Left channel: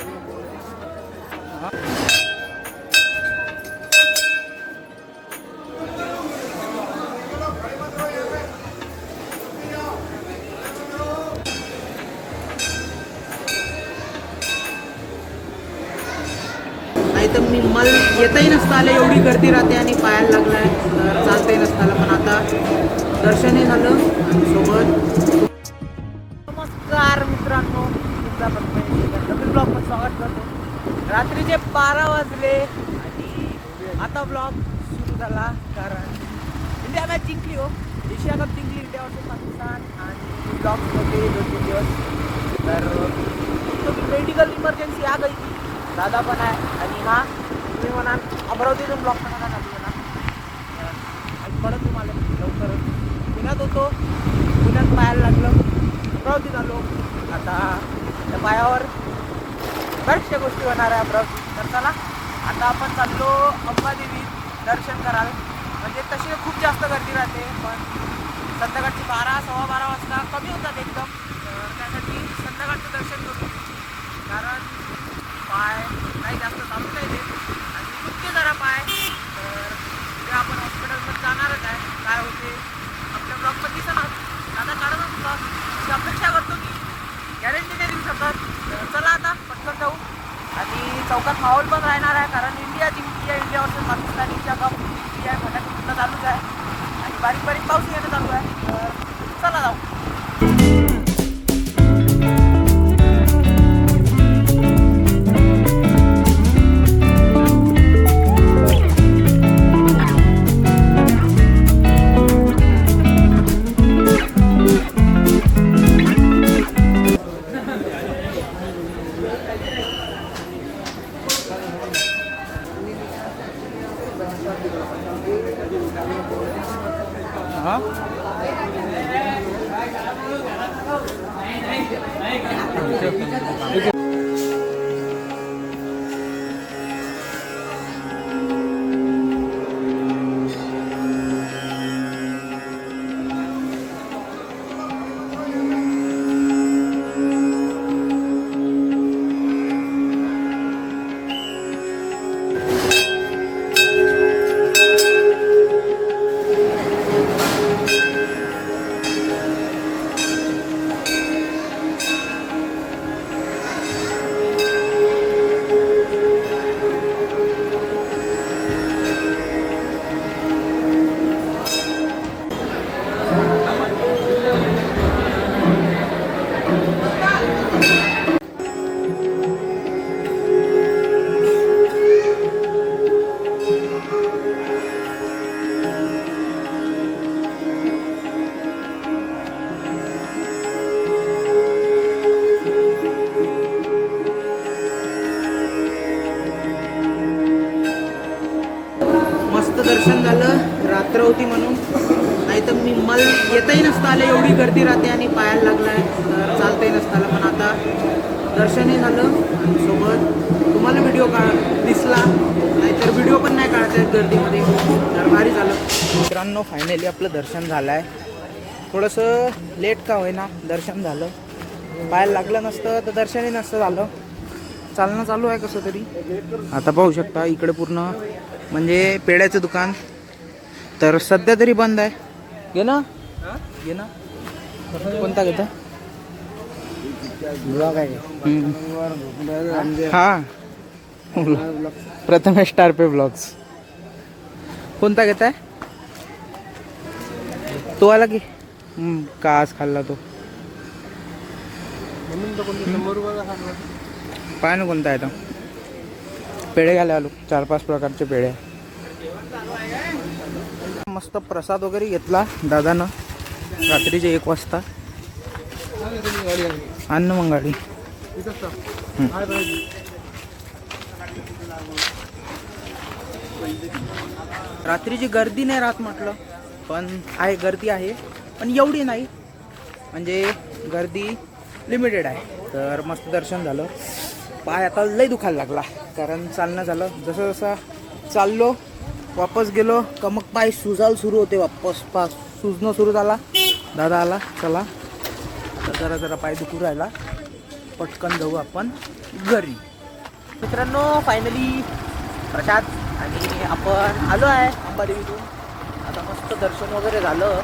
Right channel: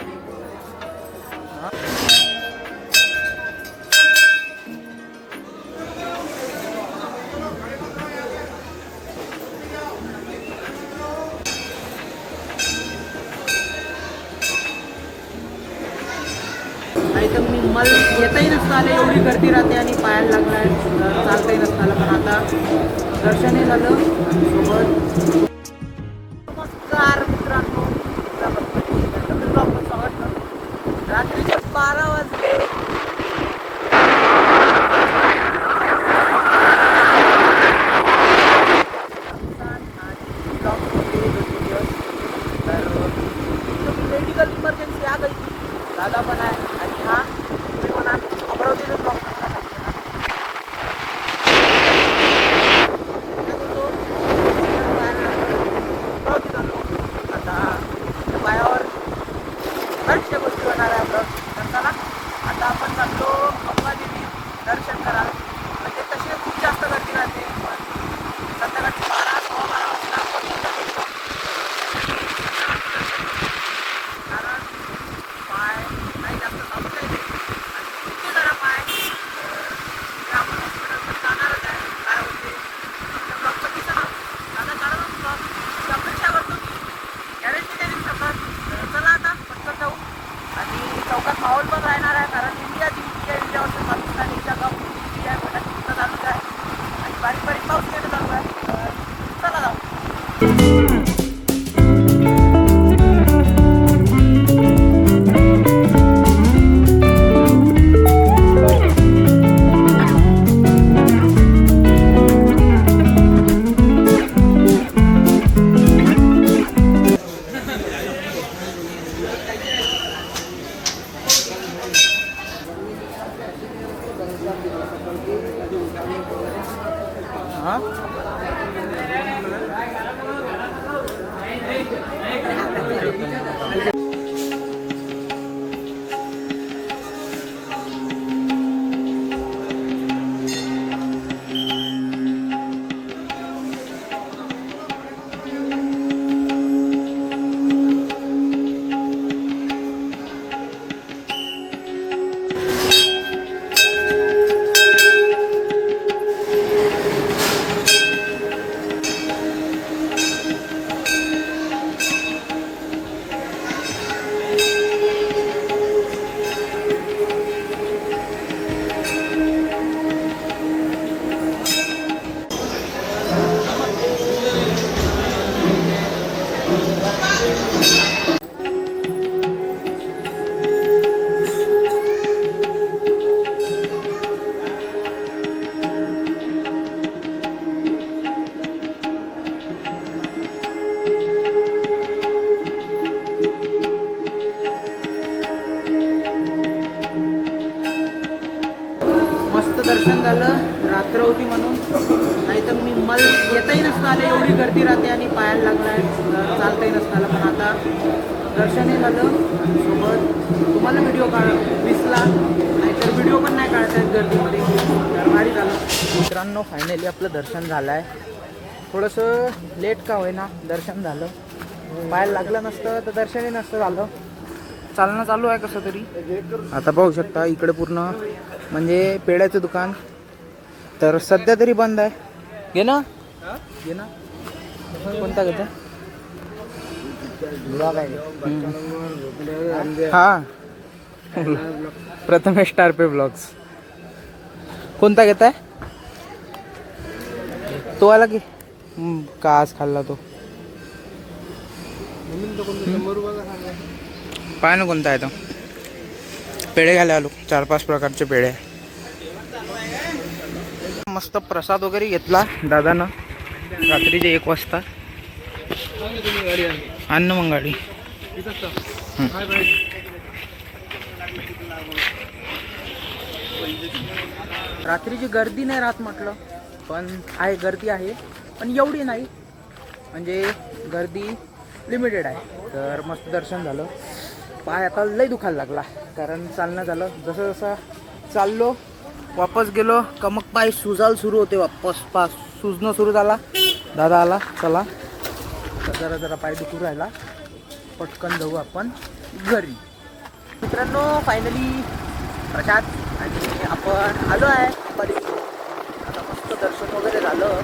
नाही तर मी येताही नसतं आलं, एवढी गर्दी राहते आणि पायाला लागलाय तर चालताही नसतं आलं. पण आता दर्शनही झालं आणि सोबत. नमस्कार मित्रांनो, नवीन ब्लॉगमध्ये स्वागत करतो. रात्रीचे 12 वाजले. ब्लॉगमध्ये 2 दिवस तर मेडिकल इमर्जन्सी आ गई थी. दादा पण आहे आणि हा तुम्ही म्हणा अमरावतीतून ब्लॉग करायला लागलेला पुण्यात होतो. पुण्यात पाहायला लागलं, अमरावतीत आलो. आता त्या पायावर बऱ्याचशा गोष्टी होणार आहे अमरावती. तर चला आता आपण चाललो अंबादेवी दर्शन करायला. म्हणजे तसे खूप जास्त गर्दी राहते, पण संध्याकाळची 12-12:15 वाजता कमी होतात एकदम. संध्याकाळचं दर्शन करू, कारण पाय नाही जास्त चालू नाही देत आणि इतके जरा पाय. तर ते आपण हॉस्पिटलमध्ये जाणारच आहे. काय होते आपल्या ब्लॉगमध्ये दिसणार, दादा काढणार ब्लॉग ती अपेक्षा करतो की गॅरंटी नाही देऊ शकत. चला आता पटकन जाऊ. आणि चौकात माहोल पण राहणार आहे, कारण इंडिया जिंकली आहे. India versus Pakistan Asia cup जिंकली आहे. फटाके सुद्धा चालूच आहे आणि बारीक बारीक पाऊस येणं चालू आहे. तर चला जाऊ. दर्शन झालं. रात्र होती म्हणून, नाही तर मी येताही नसतं आलं, एवढी गर्दी राहते आणि पायाला लागलाय तर चालताही नसतं आलं. पण आता दर्शनही झालं आणि सोबत तुम्हाला व्हिडिओ दिसला, नाहीतर व्हिडिओ पण नाही काढता येत गर्दीमध्ये. तर भारी झालं मित्रांनो. फायनली आपलं दर्शन झालं आहे. थोडंसं लेट का होईना दर्शन झालं. पायाला लागलं नसतं तर दर्शनही नसतं झालं. चालणं चालू आहे कसं तरी. आता पाहू शकता इकडे पूर्ण म्हणजे पेड्याचं दुकान तर सध्या तरी बंद आहे. घे ना कोणता घेतो ब्लॉग आहे. हा प्रथमेश स्टार पे ब्लॉग्स. कोणता घेत आहे तो आला की का आज खाल्ला तो पाय ना कोणता आहे तो. पेढे घ्यायला आलो. 4-5 प्रकारचे पेढे. मस्त प्रसाद वगैरे घेतला दादानं रात्रीचे 1 वाजता. अन्न मग गाडी रात्रीची गर्दी नाही राहत म्हटलं, पण आहे गर्दी आहे पण एवढी नाही, म्हणजे गर्दी लिमिटेड आहे. तर मस्त दर्शन झालं. पाय आता लय दुखायला लागला कारण चालणं झालं. जसं जसं चाललो वापस गेलो का मग पाय सुजायला सुरू होते. वापस सुजणं सुरू झाला. दादा आला चला तर जरा पाय दुखू राहिला, पटकन जाऊ आपण घरी. मित्रांनो फायनली प्रसाद आणि आपण आलो आहे अंबादेवीतून. आता मस्त दर्शन वगैरे झालं.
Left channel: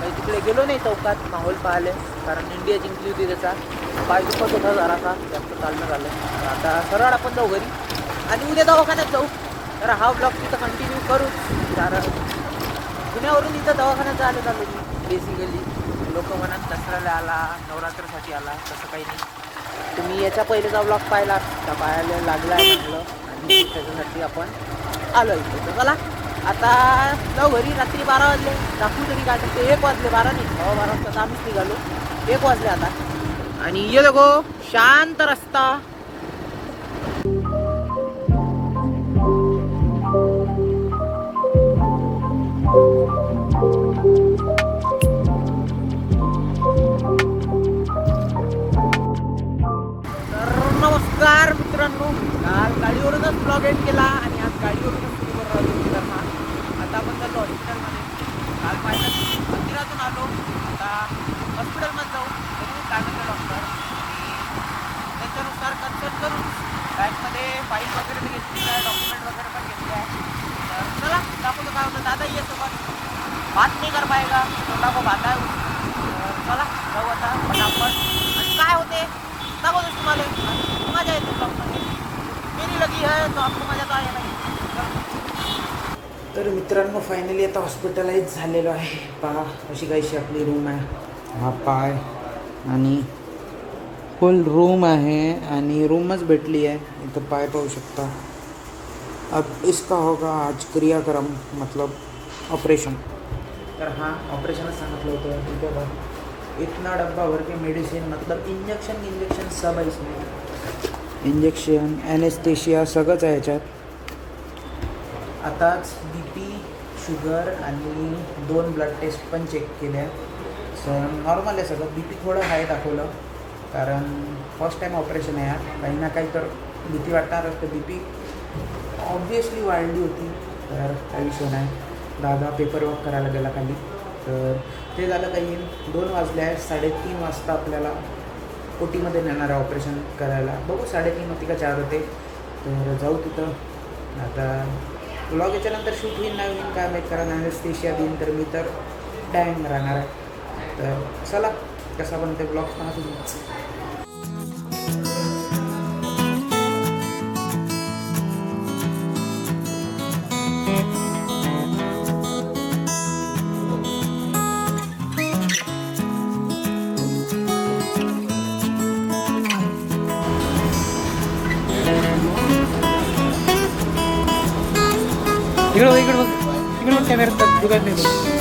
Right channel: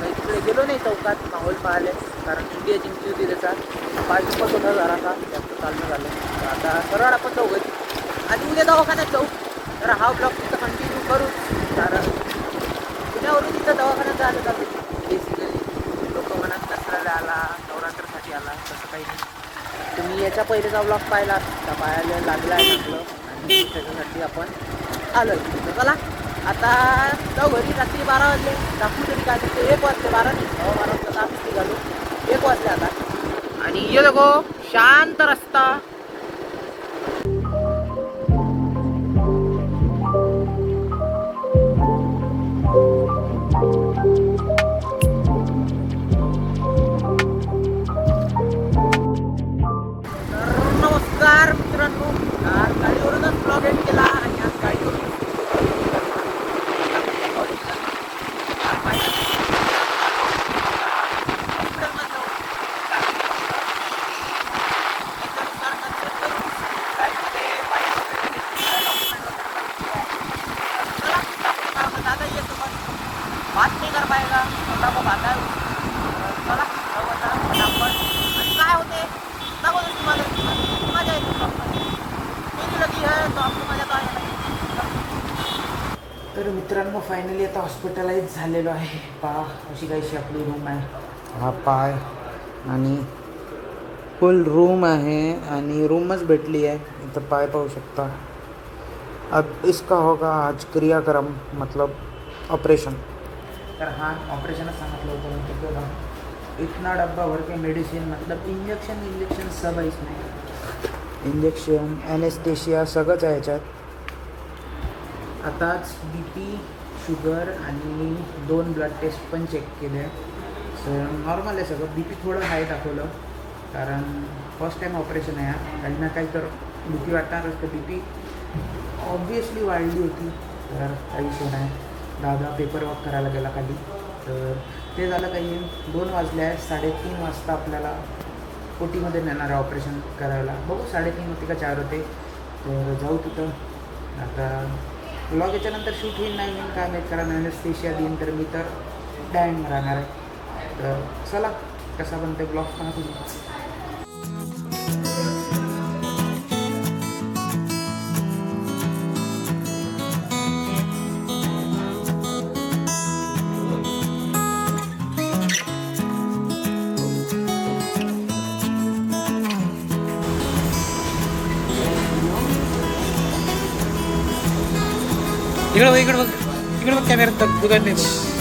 काही तिकडे गेलो नाही चौकात माहोल पाहिले, कारण इंडिया जिंकली होती त्याचा. पाय दुखत होता जरासा, जास्त चालणं झालं. तर आता सरळ आपण जाऊ घरी आणि उद्या दवाखान्यात जाऊ. तर हा ब्लॉग तिथं कंटिन्यू करू, कारण पुण्यावरून इथं दवाखान्यात जायला चालू बेसिकली. लोक म्हणत दसऱ्याला आला, नवरात्रसाठी आला, तसं काही नाही. तुम्ही याच्या पहिलेचा ब्लॉग पाहिला का, पाहायला लागला आहे चांगलं, आणि त्याच्यासाठी आपण आलो इथे. तर चला आता जाऊ घरी. रात्री 12 वाजले, दाखवू तरी काय तर 1 वाजले, 12 नाही 12 वाजता तर आम्हीच निघालो. 1 वाजले आता. आणि ये देखो शांत रस्ता. नमस्कार मित्रांनो, काल गाडीवरूनच ब्लॉग एंड केला आणि आज गाडीवरूनच हॉस्पिटलमध्ये जाऊ. त्याच्यानुसार कन्सल्ट करू. बँकमध्ये फाईल वगैरे घेतली आहे, डॉक्युमेंट वगैरे पण घेतली आहे. चला आपण काय होतं, दादा ये सोबत. बात नाही कर पाएगा, छोटा को बात आहे. चला जाऊ आता पटापट. आणि काय होते दाखवतो तुम्हाला, मजा येते ब्लॉगमध्ये. मेरी लगी है तो आपको मजा तो आहे नाही. तर मित्रांनो फायनली आता हॉस्पिटलाइज झालेलो आहे. पहा अशी काहीशी आपली रूम आहे. हा पाय आणि फुल रूम आहे आणि रूमच भेटली आहे. इथं पाय पाहू शकता. अब इसका होगा आज क्रियाक्रम, मतलब ऑपरेशन. तर हाँ ऑपरेशनच सांगितलं होतं. तिथे बघा इतना डब्बा भर के मेडिसिन, मतलब इंजेक्शन सब आहे इसमें. इंजेक्शन, एनेस्थेशिया सगळंच आहे याच्यात. आताच BP, शुगर आणि 2 ब्लड टेस्ट पण चेक केल्या. सर नॉर्मल आहे सगळं. BP थोडं हाय दाखवलं, कारण फर्स्ट टाईम ऑपरेशन आहे. काही ना काही तर भीती वाटणारच. तर BP ऑब्वियसली वाढली होती. तर काही विषय नाही. दादा पेपर वर्क करायला गेला खाली. तर ते झालं. काही 2 वाजले आहेत. 3:30 वाजता आपल्याला OTमध्ये नेणार आहे ऑपरेशन करायला. बघू 3:30 होती का 4 होते. तर जाऊ तिथं. आता ब्लॉग याच्यानंतर शूट होईल नाही होईल काय माहीत, कारण एनेस्थेशिया देईन तर मी तर डॅंग राहणार आहे. तर चला कसा पण ते ब्लॉग पाहत होती. इकडं बघ, इकडं बघ, इकडं बघ कॅमेरा दुकान नाही बघ.